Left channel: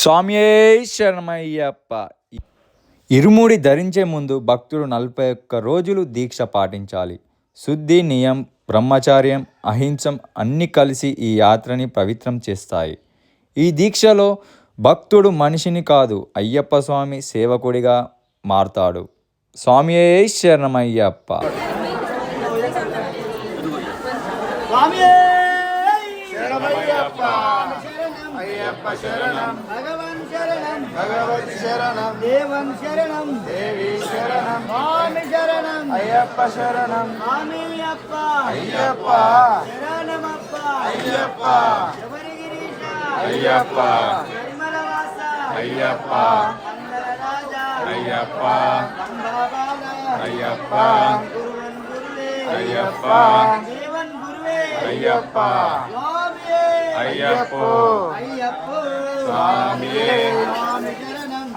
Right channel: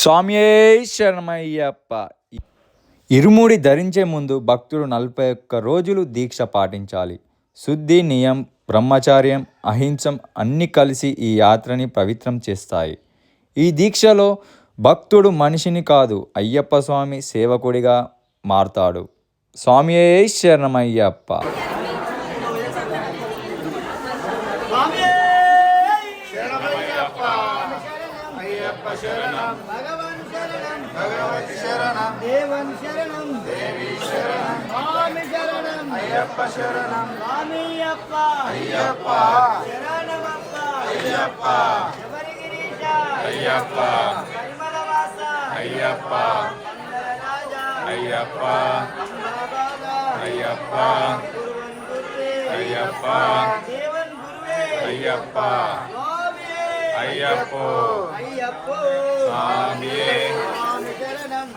స్వామియే శరణమయ్యప్ప. ఇరుముడి ధరించే ముందు భక్తుడు 41 రోజులు దీక్ష పాటించాలి. శుద్ధి, నియం, బ్రహ్మచర్యం, అహింసం అన్నీ కలిసి ఈ యాత్రని పవిత్రం చేస్తాయి. ఈ దీక్షలో భక్తుడు మనిషిని కాదు, అయ్యప్ప స్వామి సేవకుడిగా మారతాడు. స్వామియే శరణమయ్యప్ప. శరణం భగవన్ శరణం భగవతి శరణం దేవన్ శరణం దేవి శరణం స్వామి శరణం అయ్యప్ప శరణం స్వామియప్ప అయ్యప్ప శరణమప్ప అయ్యప్ప శబరిగిరీశ అయ్యప్ప పరిమళవాస అయ్యప్ప మంగళరాజ అయ్యప్ప అయ్యప్ప అయ్యప్ప దేవన్ గురువే అయ్యప్ప అయ్యప్పో స్వామియే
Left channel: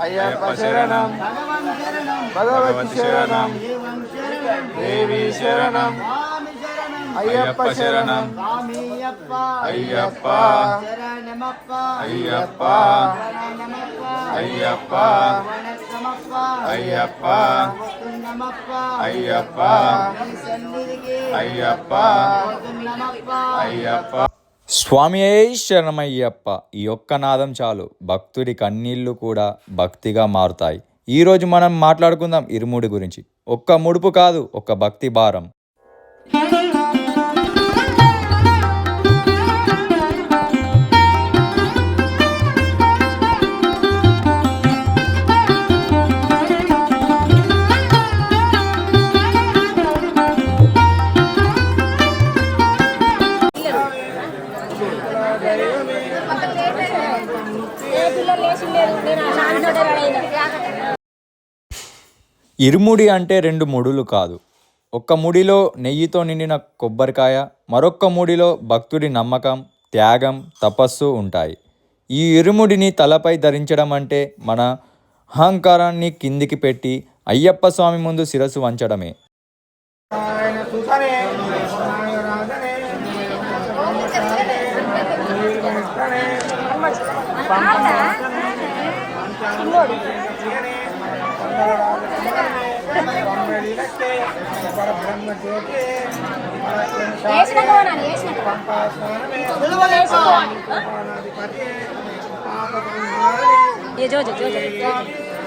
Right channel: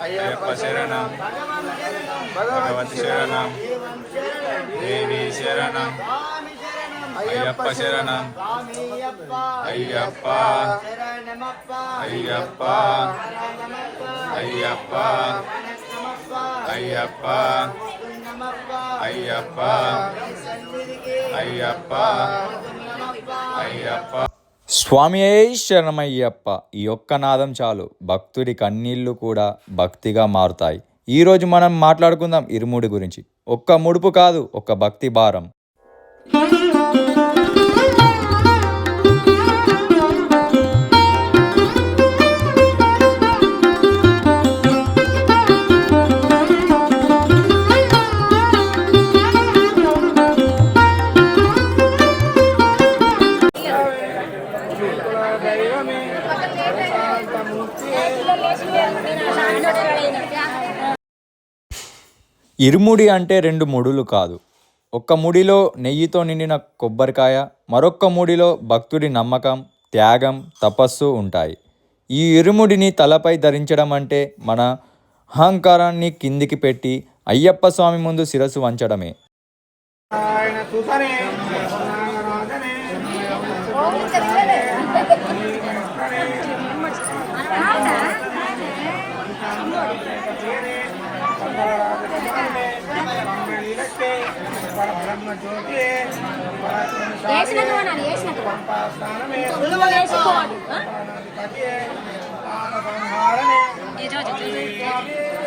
అయ్యప్ప శరణం భగవతి శరణం దేవి శరణం అయ్యప్ప శరణం అయ్యప్ప అయ్యప్ప అయ్యప్ప అయ్యప్ప అయ్యప్ప అయ్యప్ప అయ్యప్ప. స్వామియే శరణమయ్యప్ప. ఈ ఒక్క నాదం చాలు, భక్తుడి కన్నీళ్లు కూడా భక్తిగా మారుతాయి. ఈరోజు మనం మాట్లాడుకుందాం ఇరుముడి గురించి. ఒక్క ముడుపు కాదు, ఒక భక్తి భారం. ఇరుముడి అంటే 2 ముడులు కాదు. ఒక్క ముడిలో నెయ్యితో నిండిన కొబ్బరికాయ, మరొక్క ముడిలో భక్తుడి నమ్మకం, త్యాగం, తపస్సు ఉంటాయి. ఈ ఇరుముడిని తలపై ధరించడం అంటే మన అహంకారాన్ని కిందికి పెట్టి అయ్యప్ప స్వామి ముందు శిరస్సు వంచడమే.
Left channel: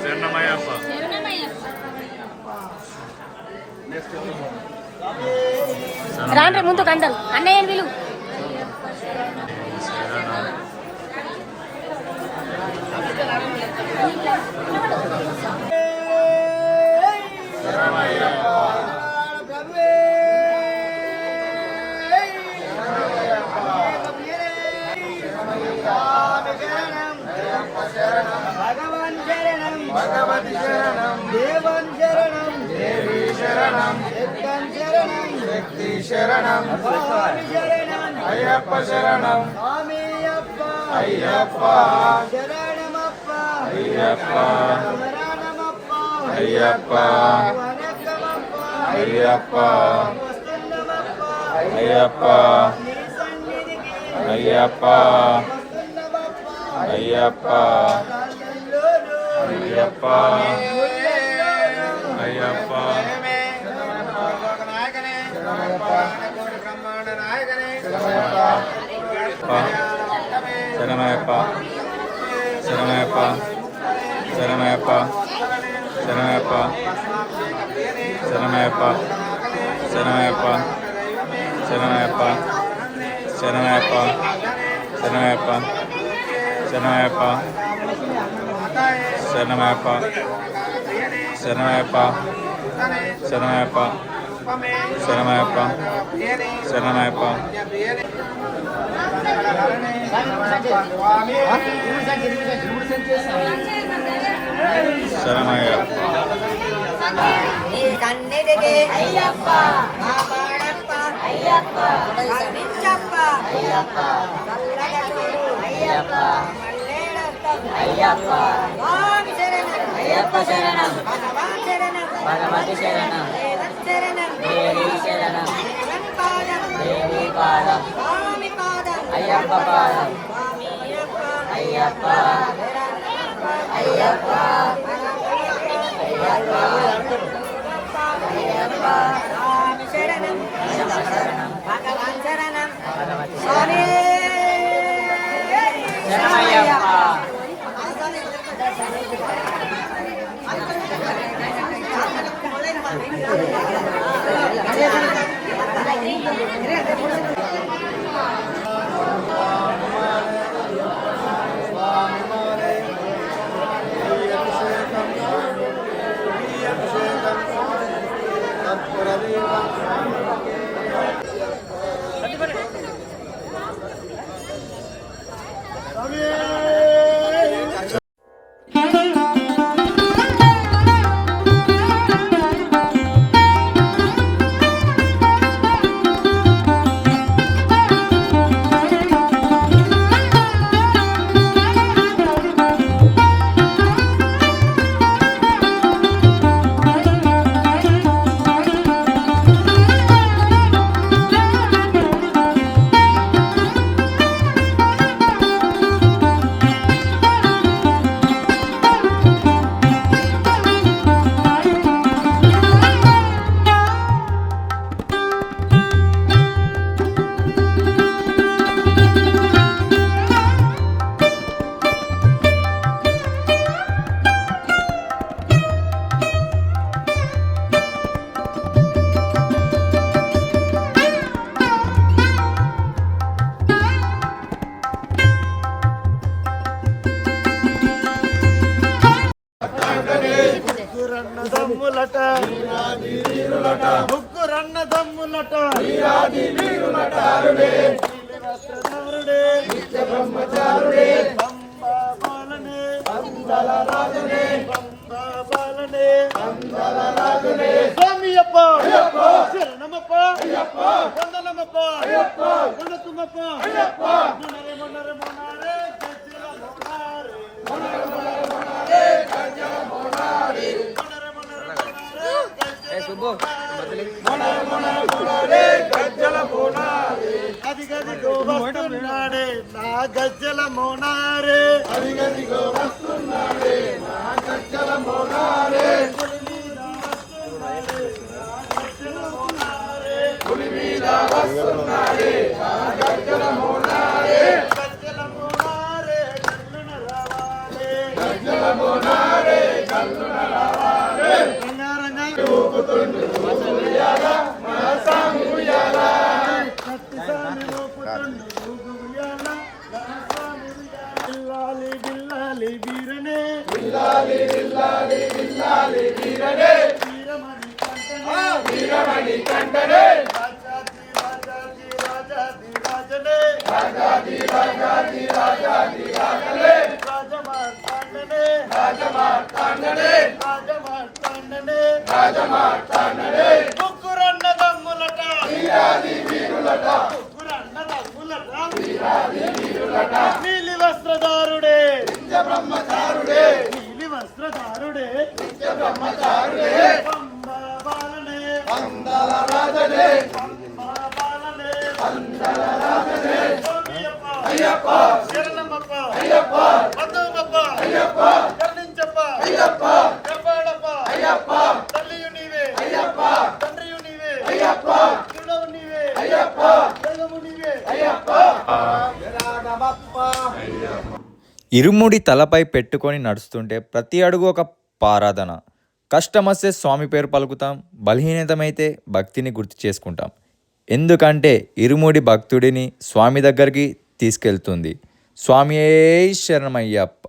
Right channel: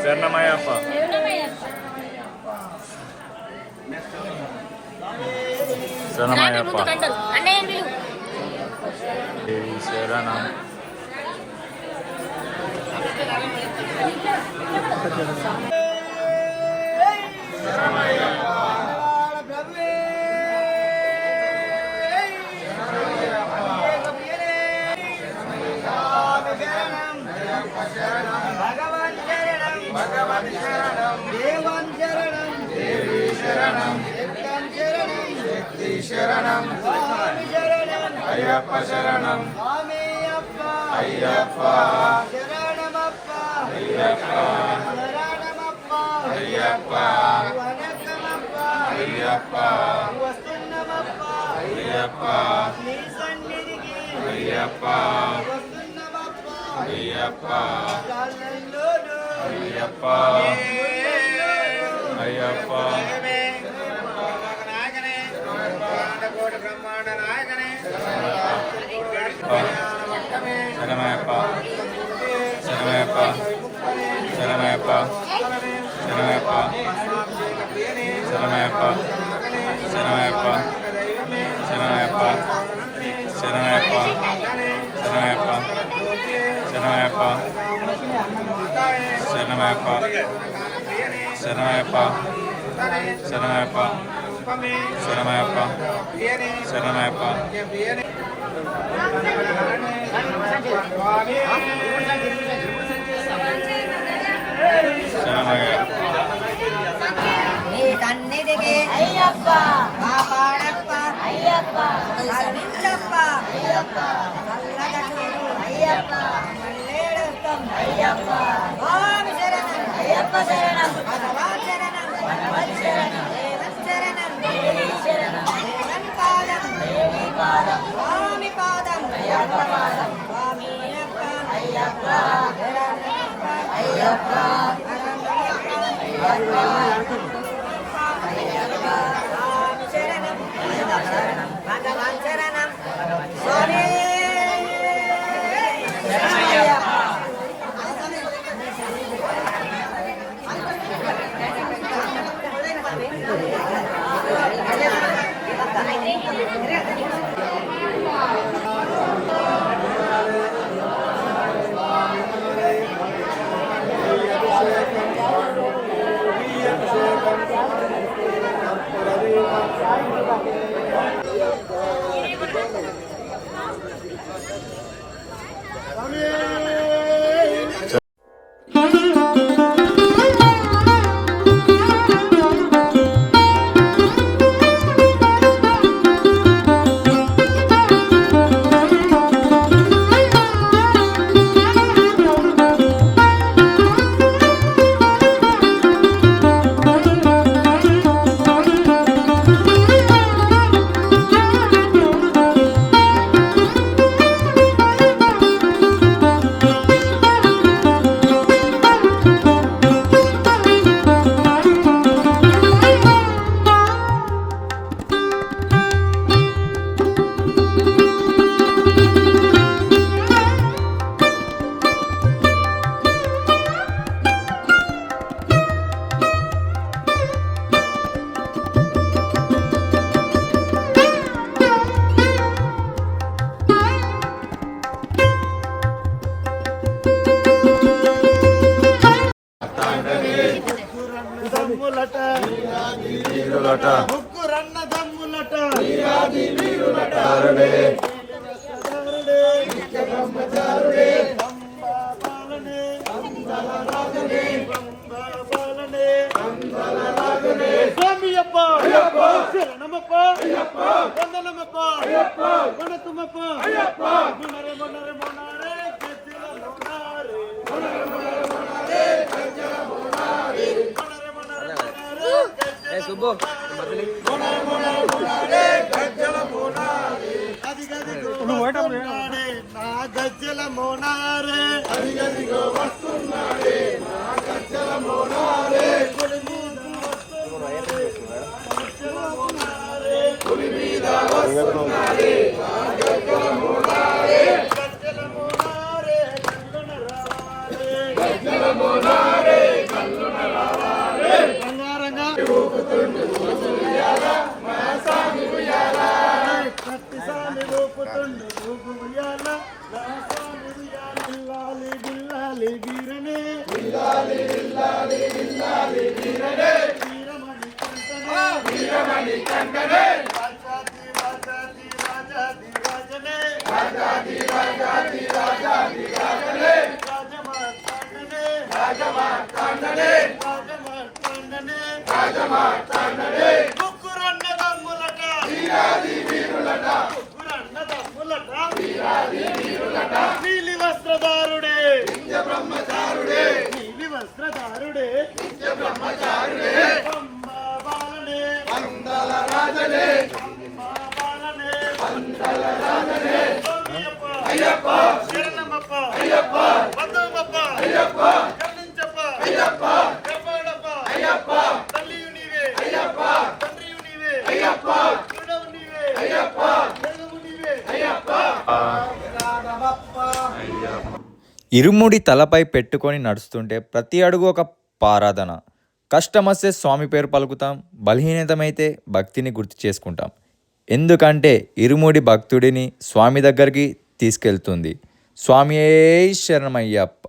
శరణమయ్యప్ప శరణం భగవతి శరణం దేవన్ శరణం దేవి శరణం శక్తన్ శరణం శక్తి శరణం స్వామి శరణం అయ్యప్ప శరణం స్వామియప్ప అయ్యప్ప శరణమప్ప అయ్యప్ప శరణమప్ప అయ్యప్ప వనకమప్ప అయ్యప్ప వస్తున్నమప్ప అయ్యప్ప నీ సన్నిధికి అయ్యప్ప వస్తున్నమప్ప అయ్యప్ప అయ్యప్ప అయ్యప్ప శరణమయ్యప్ప శరణమయ్యప్ప శరణమయ్యప్ప శరణమయ్యప్ప శరణమయ్యప్ప శరణమయ్యప్ప శరణమయ్యప్ప శరణమయ్యప్ప శరణమయ్యప్ప శరణమయ్యప్ప శరణమయ్యప్ప శరణమయ్యప్ప శరణమయ్యప్ప శరణమయ్యప్ప శరణమయ్యప్ప శరణమయ్యప్ప సన్నిధికి అయ్యప్ప కాపాడప్ప అయ్యప్ప కరుణించప్ప అయ్యప్ప చల్లగా చూడు అయ్యప్ప అయ్యప్ప స్వామి శరణం అయ్యప్ప శరణం భగవాన్ శరణం భగవతి శరణం దేవన్ శరణం దేవి శరణం దేవన్ పాదం దేవి పాదం స్వామి పాదం అయ్యప్ప పాదం స్వామి అయ్యప్ప అయ్యప్ప శరణం స్వామి శరణమయ్యప్ప. ముగ్గురన్నదమ్ములట ముగ్గురన్నదమ్ములట వస్త్రధారుడే నిత్య బ్రహ్మచారుడే అంబాబాలనే అందలరాజునే అంబాబాలనే అందలరాజునే స్వామియప్ప శరణమప్ప వందనమప్ప వణకమప్ప మునరే మునరే మునరే అదిగదిగో వస్తున్నాడే నా గజ్జల మోనారే అదిగదిగో వస్తున్నాడే నా గజ్జల మోనారే పులి మీద వస్తున్నాడే నా గజ్జల మోనారే గజ్జల మోనారే కల్లున రావాలే గజ్జల మోనారే కల్లున రావాలే రంగారంగా ఊపుతుండు ఉయ్యాల నా సామి ఉయ్యాల కత్తి సామి ఊపుతుండు ఉయ్యాల నా సామి ఉయ్యాల బిల్లాలి బిల్లాలి వీరనే బిల్లాలి బిల్లాలి బిల్లాలి వీరనే వీరమణి కంటనే రాజాది రాజాది రాజనే రాజాది రాజాది రాజాది రాజనే రాజమార్తాండనే రాజమార్తాండనే రాజమార్తాండనే రాజమార్తాండనే ముగ్గురన్నదమ్ములట వీరాది వీరులట ముగ్గురన్నదమ్ములట వీరాది వీరులట నీలి వస్త్రధారుడే నిత్య బ్రహ్మచారుడే నీలి వస్త్రధారుడే నిత్య బ్రహ్మచారుడే అంబాబాలనే అందలరాజనే అంబాబాలనే అందలరాజనే స్వామియప్ప అయ్యప్ప శరణమప్ప అయ్యప్ప వందనమప్ప అయ్యప్ప కరుణించప్ప అయ్యప్ప కాపాడప్ప అయ్యప్ప తల్లియు నీవే అయ్యప్ప తండ్రియు నీవే అయ్యప్ప కరుణవు నీవే అయ్యప్ప దైవము నీవే అయ్యప్ప ఇరుముడి తలపై పెట్టుకొని నడుస్తుంటే ప్రతి అడుగు ఒక పారాధన. కష్టమొస్తే స్వామి పేరు పలుకుతాం, బలహీనతమైతే భక్తిని గుర్తు చేసుకుంటాం. ఎందుకంటే ఇరుముడి భక్తుడిని స్వామి దగ్గరికి తీసుకెళ్తుంది. స్వామియే శరణమయ్యప్ప.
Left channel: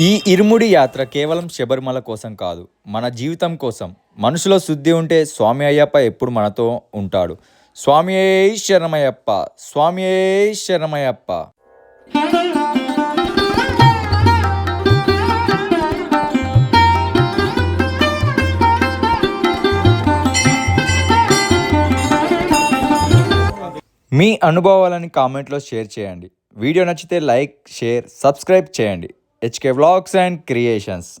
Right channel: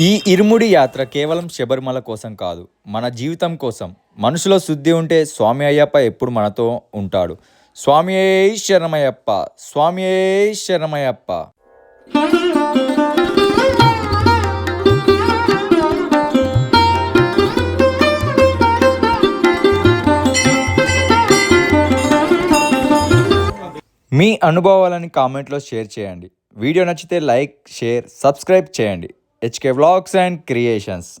ఈ ఇరుముడి యాత్ర కేవలం శబరిమల కోసం కాదు, మన జీవితం కోసం. మనసులో శుద్ధి ఉంటే స్వామి అయ్యప్ప ఎప్పుడు మనతో ఉంటాడు. స్వామియే శరణమయ్యప్ప, స్వామియే శరణమయ్యప్ప. మీ అనుభవాలని కామెంట్లో షేర్ చేయండి. వీడియో నచ్చితే లైక్, షేర్, సబ్స్క్రైబ్ చేయండి. HK vlogs and creations.